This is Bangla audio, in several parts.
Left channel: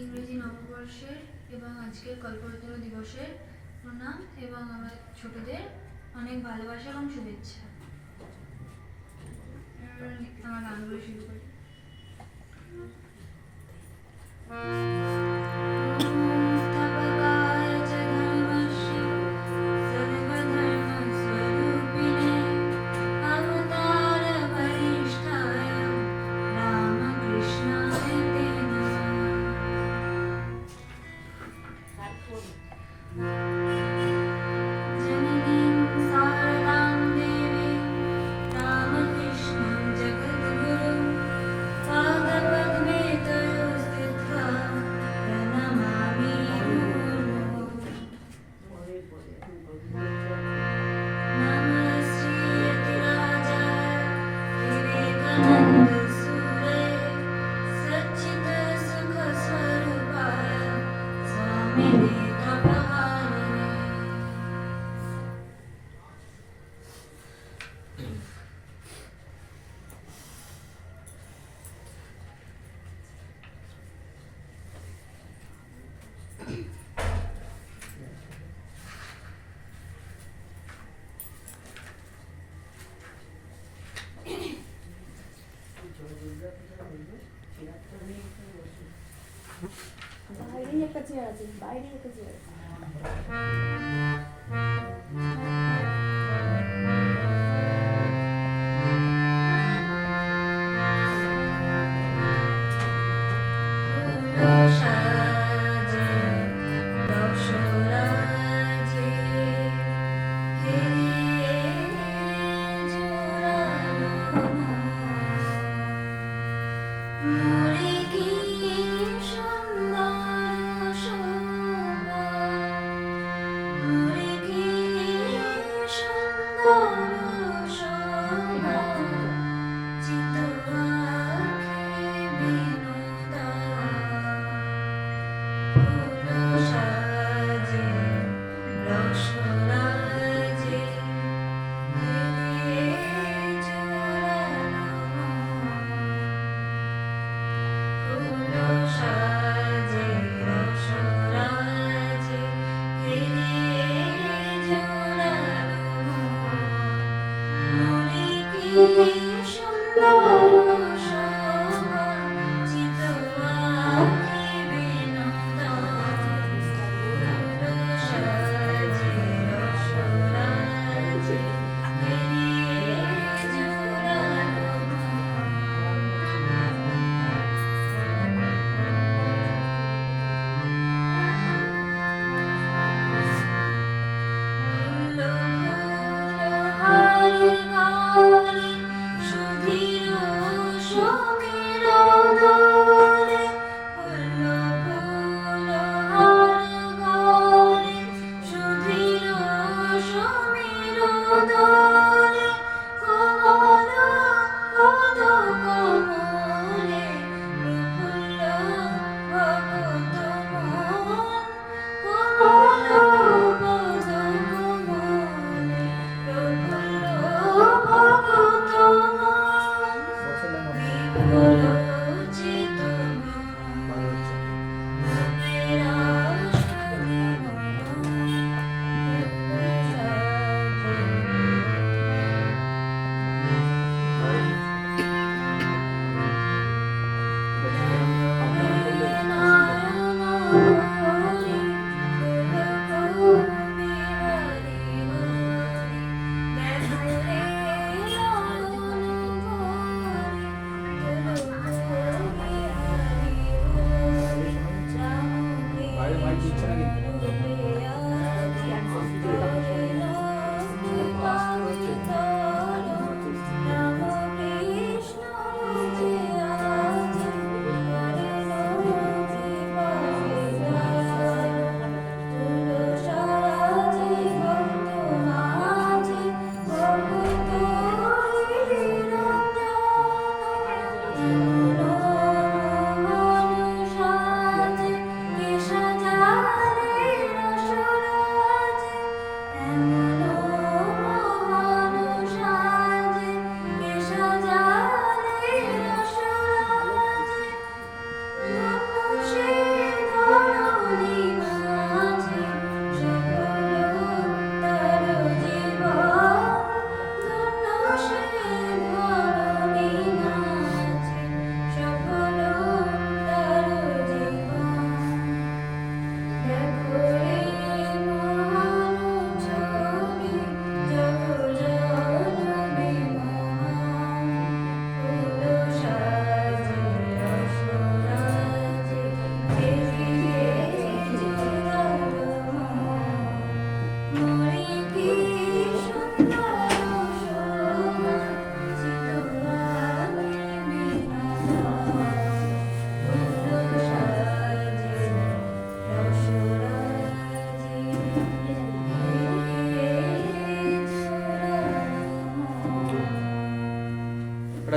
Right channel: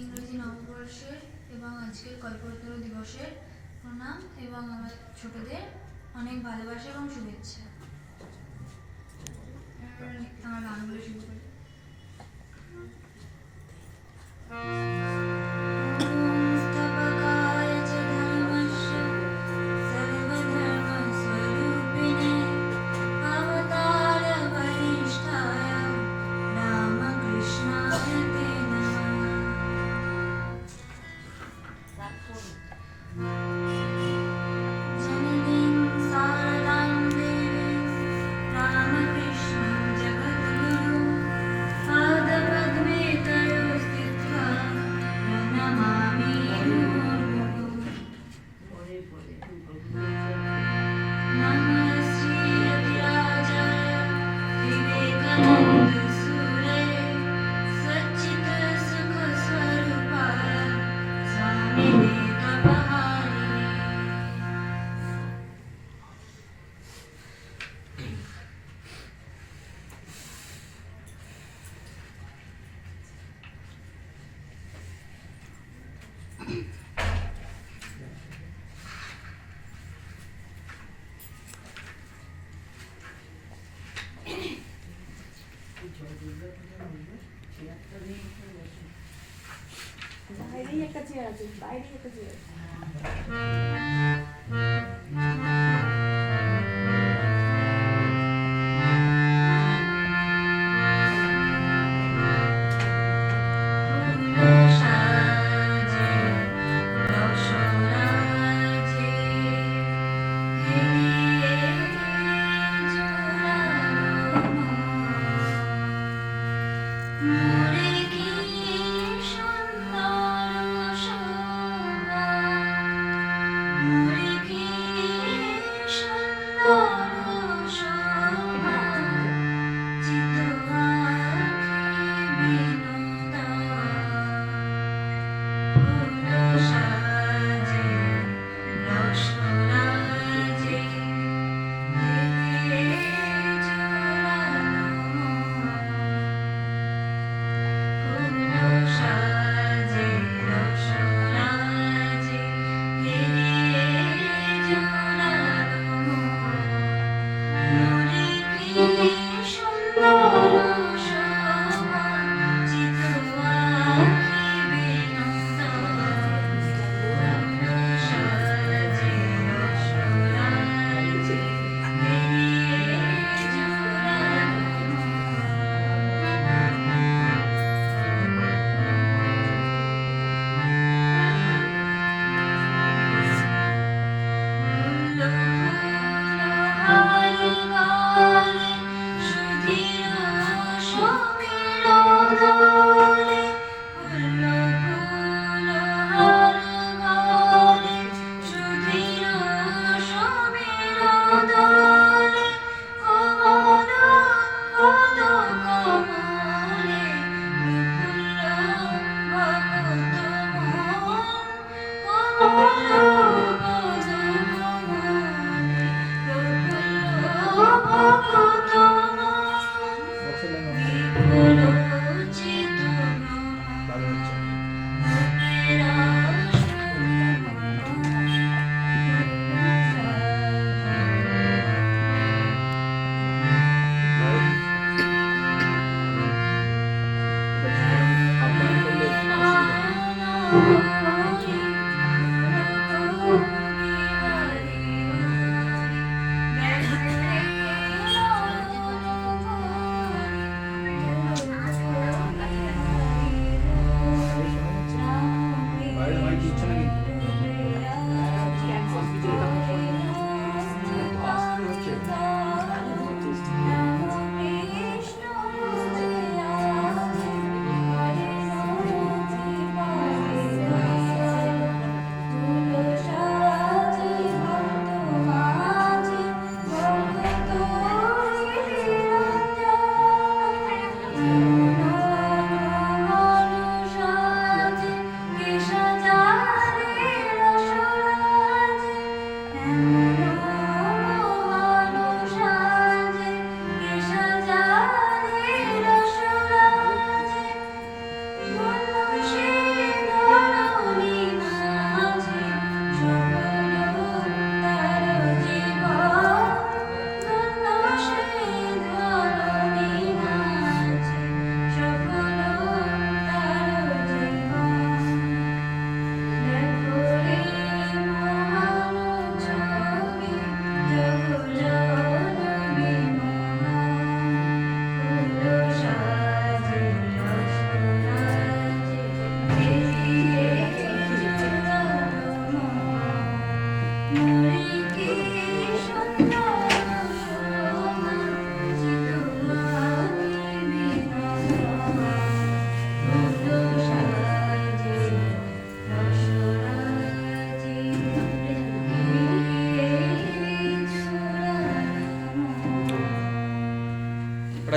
ইংরেজি নববর্ষের এবং আজকের কল্পতরু দিবসের প্রণাম এবং আমার ছোটদের অনেক ভালোবাসা এবং শুভেচ্ছা। আমার গানগুলো শুরু করি। বাইরেই একটা চেয়ার আছে, বাইরেই একটা চেয়ার আছে।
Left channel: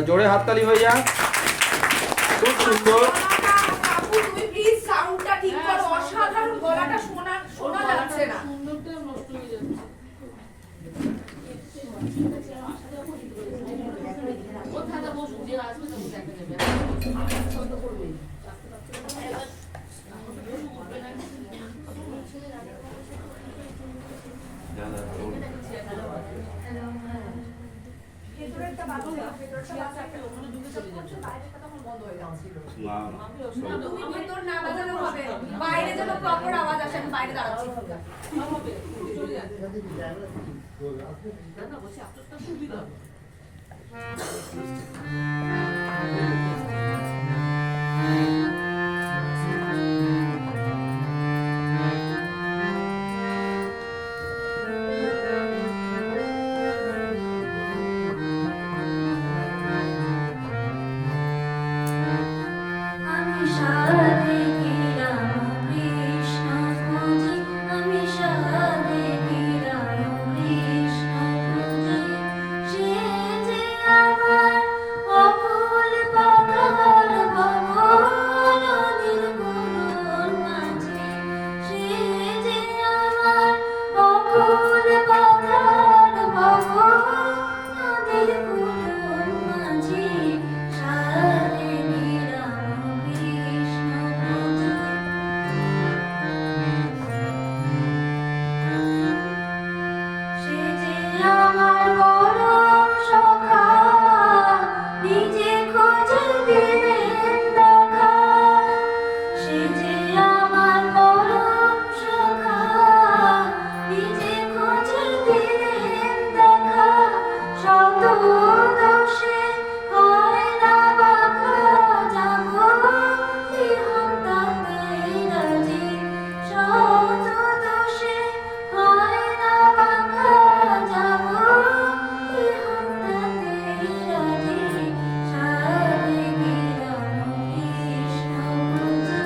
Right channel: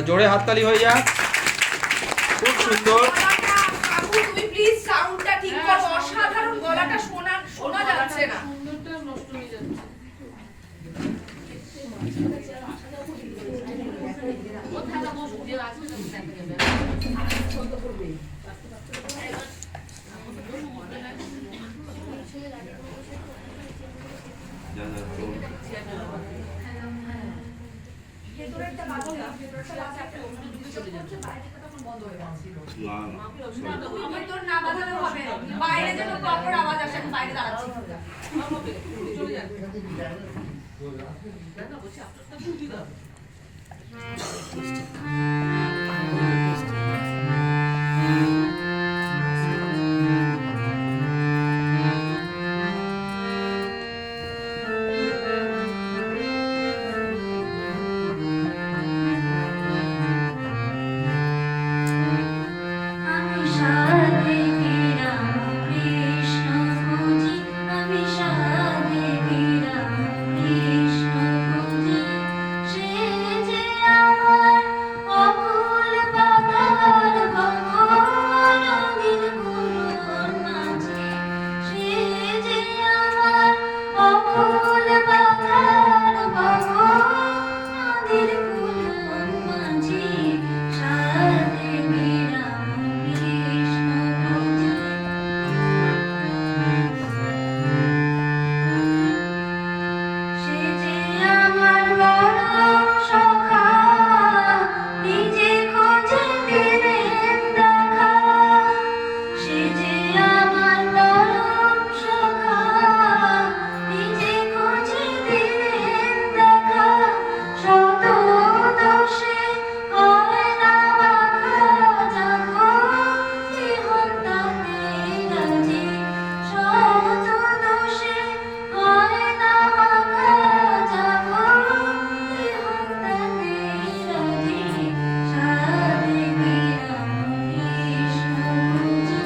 জোরে হাততালি হয়ে যাক। খুব সুন্দর। কাকু তুমি প্লিজ সাউন্ডটা ঠিক করো, অসাধারণ, গলাটা শোনা যাচ্ছে না। সুন্দরটা নষ্ট হয়ে যাচ্ছে। ভেতরেরটা বাজছে, ভেতরেরটা বাজছে, একটা অন্য কিছু করছে, বাইরেটা তখন বন্ধ হয়ে যাচ্ছিল। তুমি ভেতর না বাজালেও হবে, বাইরে যেন প্রপার আওয়াজ আসে। আমি বাইরে দাঁড়াচ্ছি। আমি সারাদেবী রাম কৃষ্ণ খুঁজি, আমি সারাদেবী রাম কৃষ্ণ খুঁজি। সে যে আমার অকুল বাধার ভবন নদীর করুণ মাঝে, সে যে আমার অকুল বাধার ভবন নদীর করুণ মাঝে। সারাদেবী রাম কৃষ্ণ খুঁজি। সে যে আমার পরম সখা, নিজে খোঁজে দিলেন দেখা। সে যে আমার পরম সখা, নিজে খোঁজে দিলেন দেখা। শত দোষে হয় না বাঁধা যাব, ইহন্তাতে রাজি। শত দোষে হয় না বাঁধা যাব, ইহন্তাতে রাজি। সারাদেবী রাম কৃষ্ণ খুঁজি।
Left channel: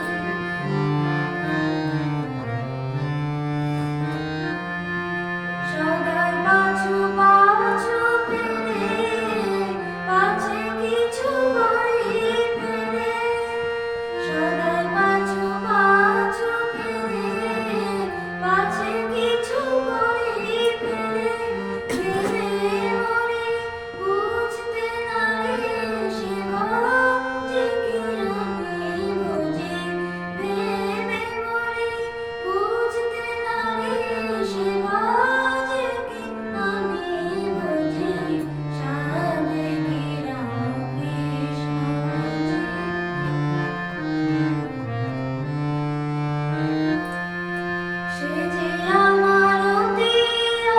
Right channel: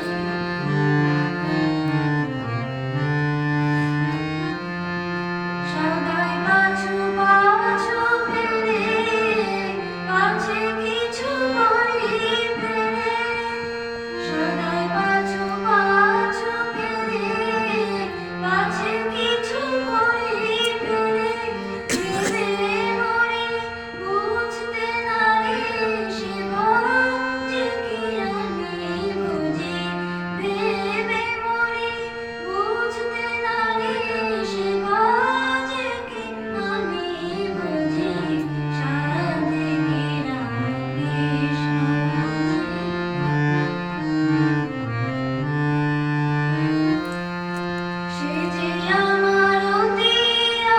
সদাই পাছু পাছু ফিরে, পাছে কিছু বই ফেলে। সদাই পাছু পাছু ফিরে, পাছে কিছু বই ফেলে। ভেবে মরি বুঝতে নারে সেবা, যে কি আমি বুঝি। ভেবে মরি বুঝতে নারে সেবা, যে কি আমি বুঝি। সারাদেবী রাম কৃষ্ণ খুঁজি। সে যে আমার অতি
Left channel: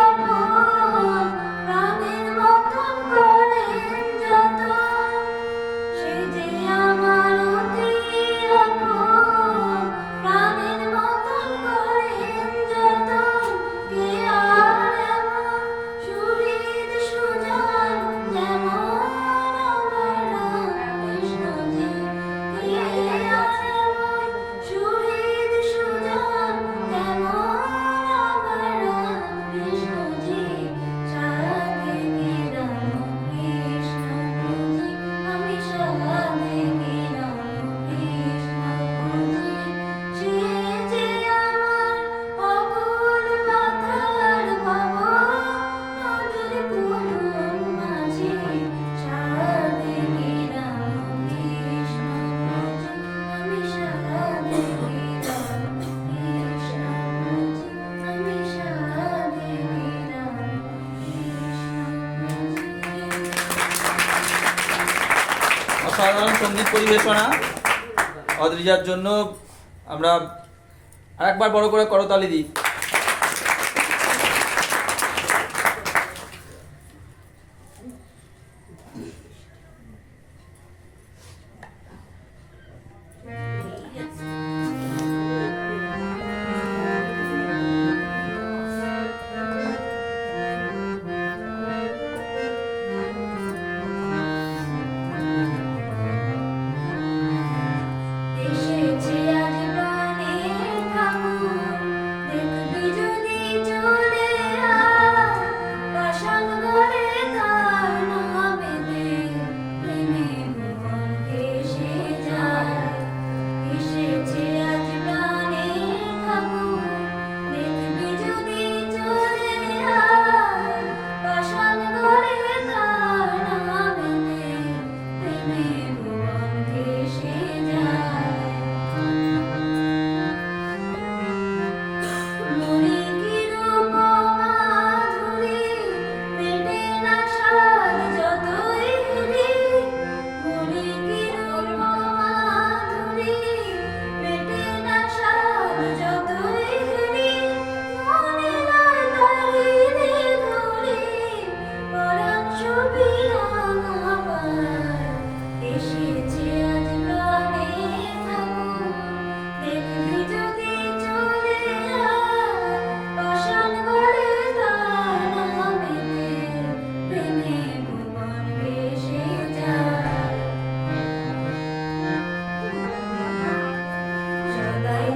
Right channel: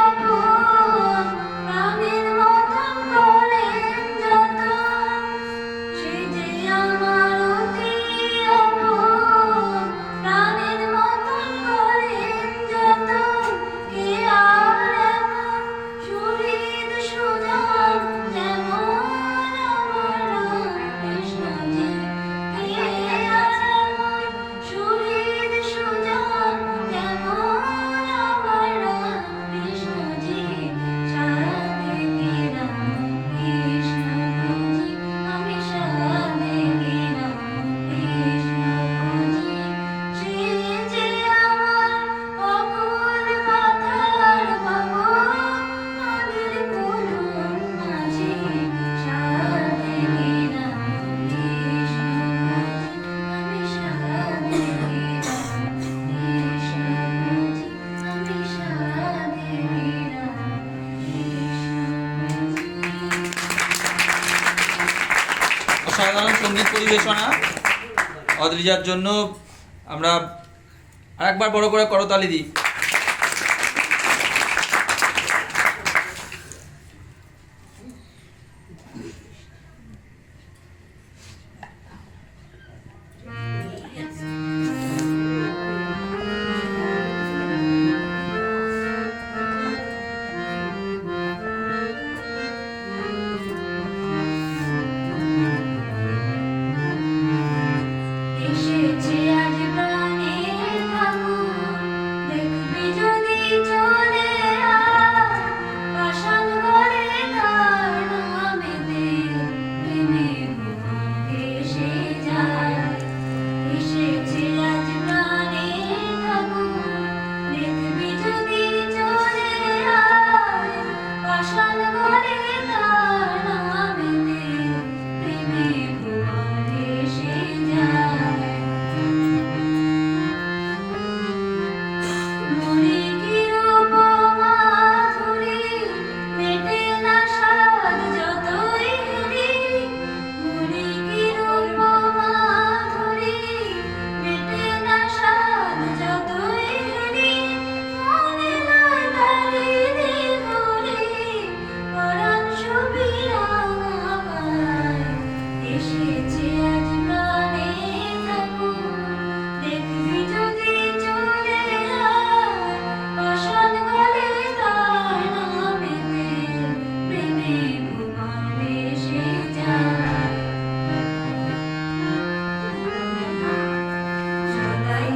আপন, প্রাণের মতন করেন যতন। সে যে আমার অতি আপন, প্রাণের মতন করেন যতন। কে আর এমন সুহৃদ সুজন, যেমন আমার রামকৃষ্ণজি। কে আর এমন সুহৃদ সুজন, যেমন আমার রামকৃষ্ণজি। সারাদেবী রাম কৃষ্ণ খুঁজি, আমি সারাদেবী রাম কৃষ্ণ খুঁজি। সে যে আমার অকুল বাধার ভবন নদীর করুণ মাঝে। সারাদেবী রাম কৃষ্ণ খুঁজি, আমি সারাদেবী রাম কৃষ্ণ খুঁজি, আমি সারাদেবী রাম কৃষ্ণ খুঁজি। অসাধারণ সঙ্গীত পরিবেশনা। অদ্রিজার জন্য আমরা আরেকবার বড় করে করতালি দিই। এসেছে আজ প্রাণের ঠাকুর, দেখল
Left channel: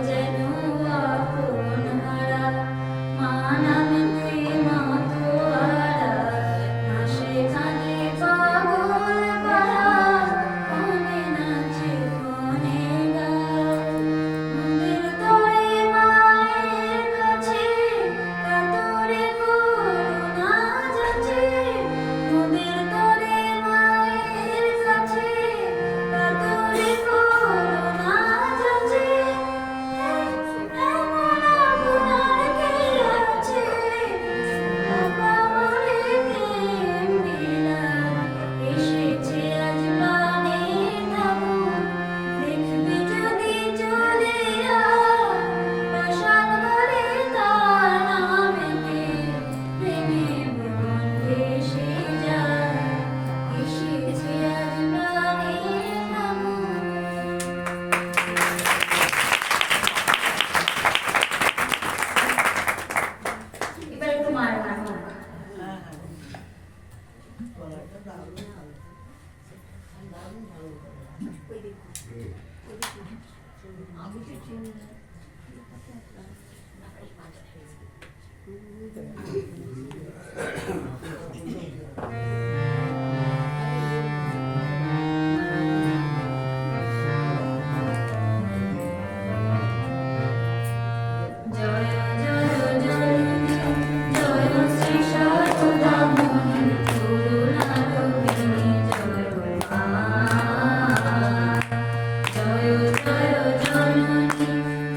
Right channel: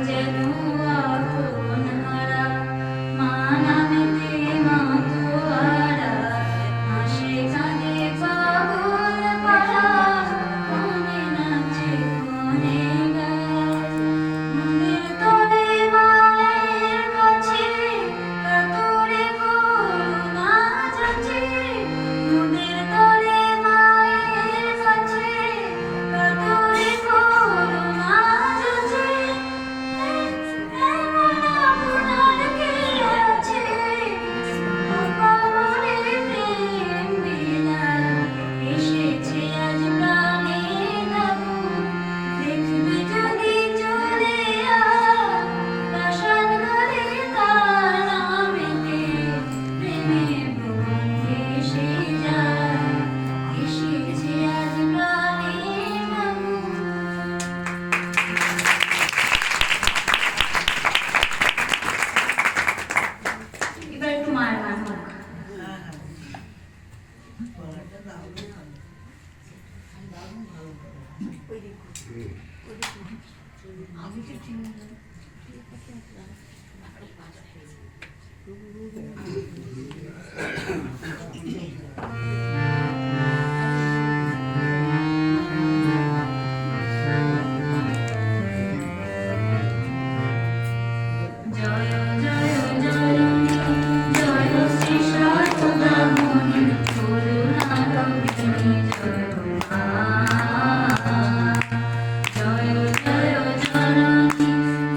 যেন আপন হারা, মা নামেতে মাতোয়ারা, হাসে কাঁদে পাগল পাড়া, মনে নাচে মনে গায়। মন্দির তলে মায়ের কাছে কাতরে করুণা যাচে, মন্দির তলে মায়ের কাছে কাতরে করুণা যাচে। এমন আপনার কে আছে, অপারে প্রেম বিলায়, এসেছে আজ প্রাণে তবু, দেখবি যদি চলে আয়, প্রাসাদ ঘরে তার নামেতে প্রেমে মন ভেসে যায়, এসেছে আজ প্রাণে তবু। এবার একটু মার গান হোক। জয় জয় জননী, জয় শ্রী শারদামণি, করুণারূপিণী জয় মা। জয় জয় জননী,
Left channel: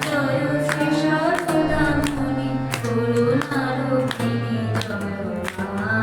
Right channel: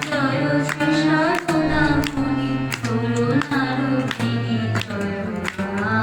জয় শ্রী শারদামণি, করুণারূপিণী জয় মা।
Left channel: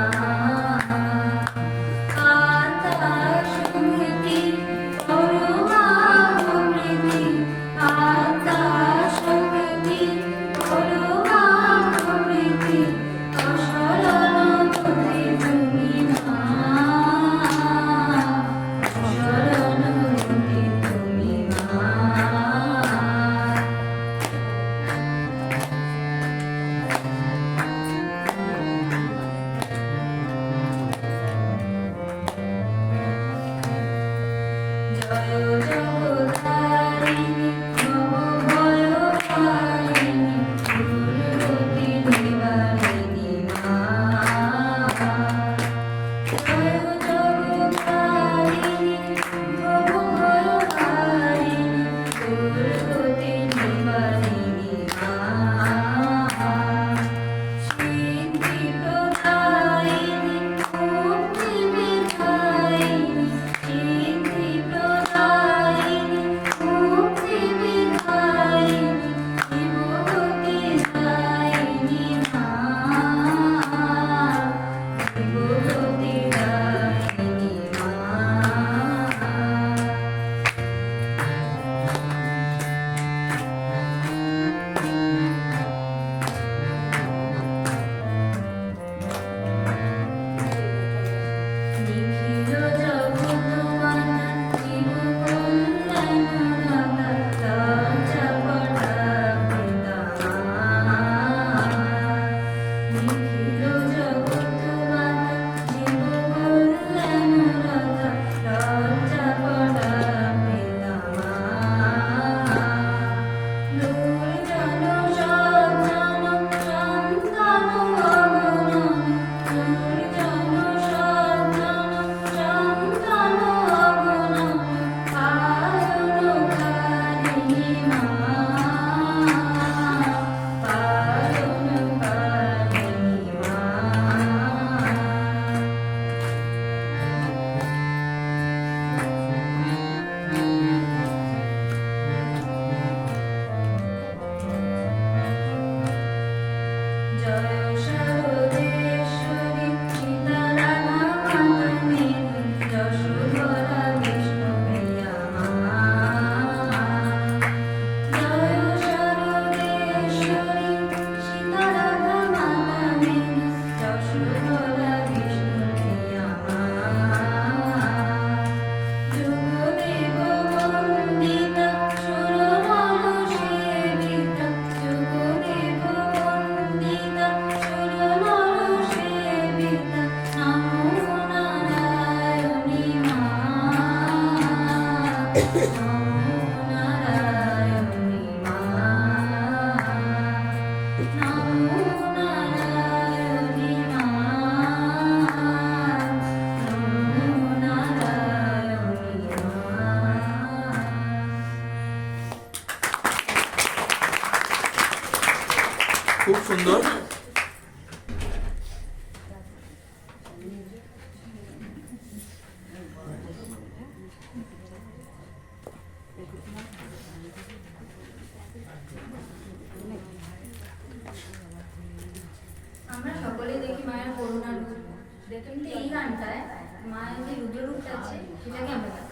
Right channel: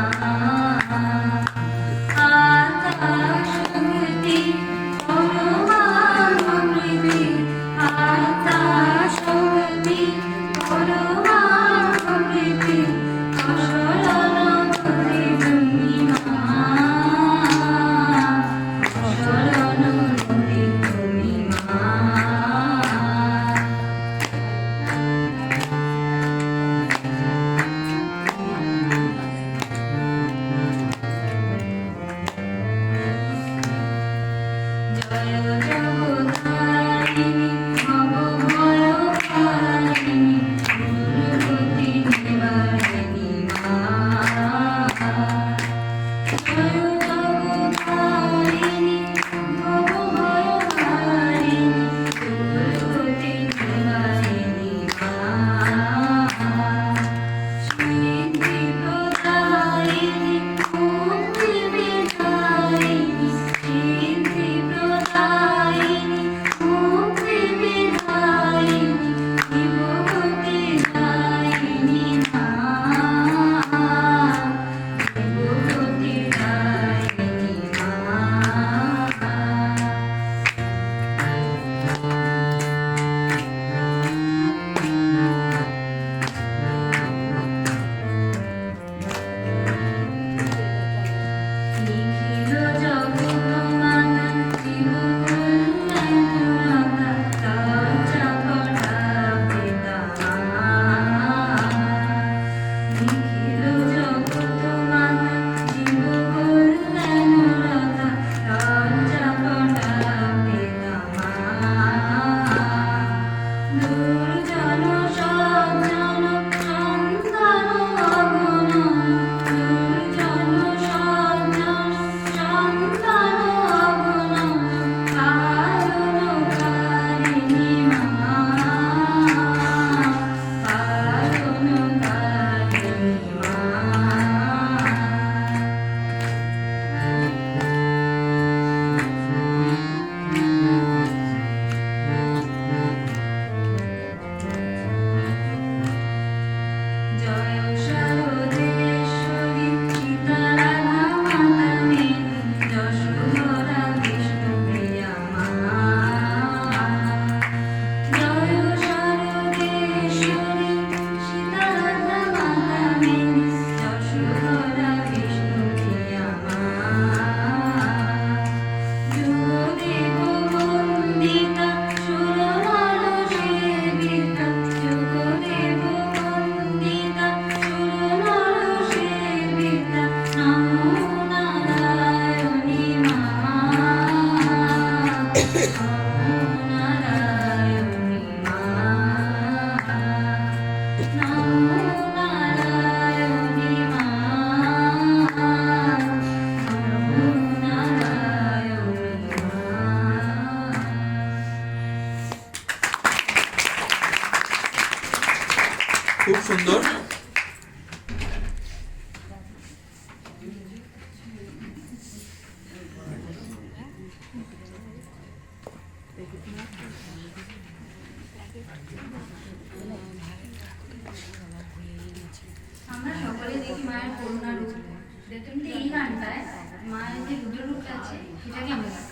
খুব সুন্দর। আমরা সকলে দেখি মায়ের করুণা রূপ। দেখুন তো এই গানটায় মায়ের যে রুদ্র রূপটা আছে সেটাকে আমরা গাই।